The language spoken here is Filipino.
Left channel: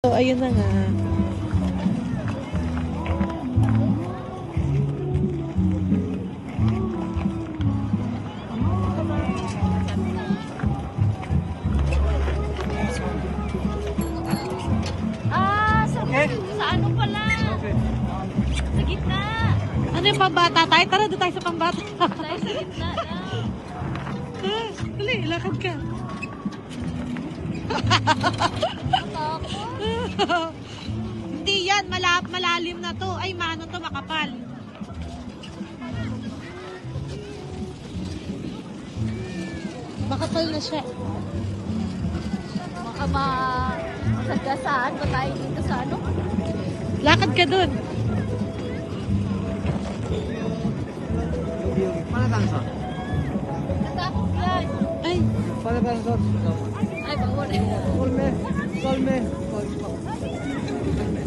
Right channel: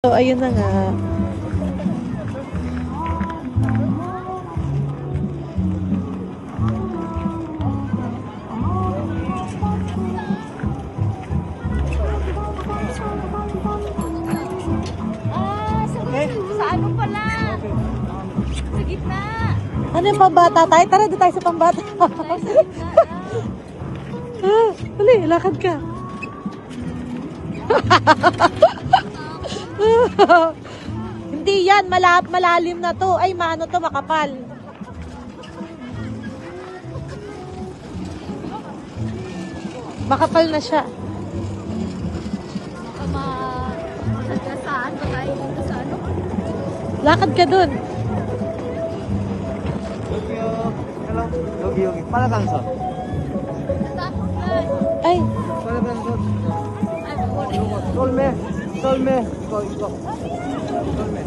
So, ayun na nga. Sa ano pala? Sa gitna. Ano yung pambata tayo? Tara, doon tayo sa pambata. Sa gitna na. Dali, lakad ka. Hindi yan, malalim na to. Ay, mano to, makapal. Makapal na siya. Baka masagkasaan pa tayo dito sa ano? Lakad ka dun. 여기 빨간선. Natapos na. Ay, 빨간선. Ay, bago na. 썰매. 이거. 썰매.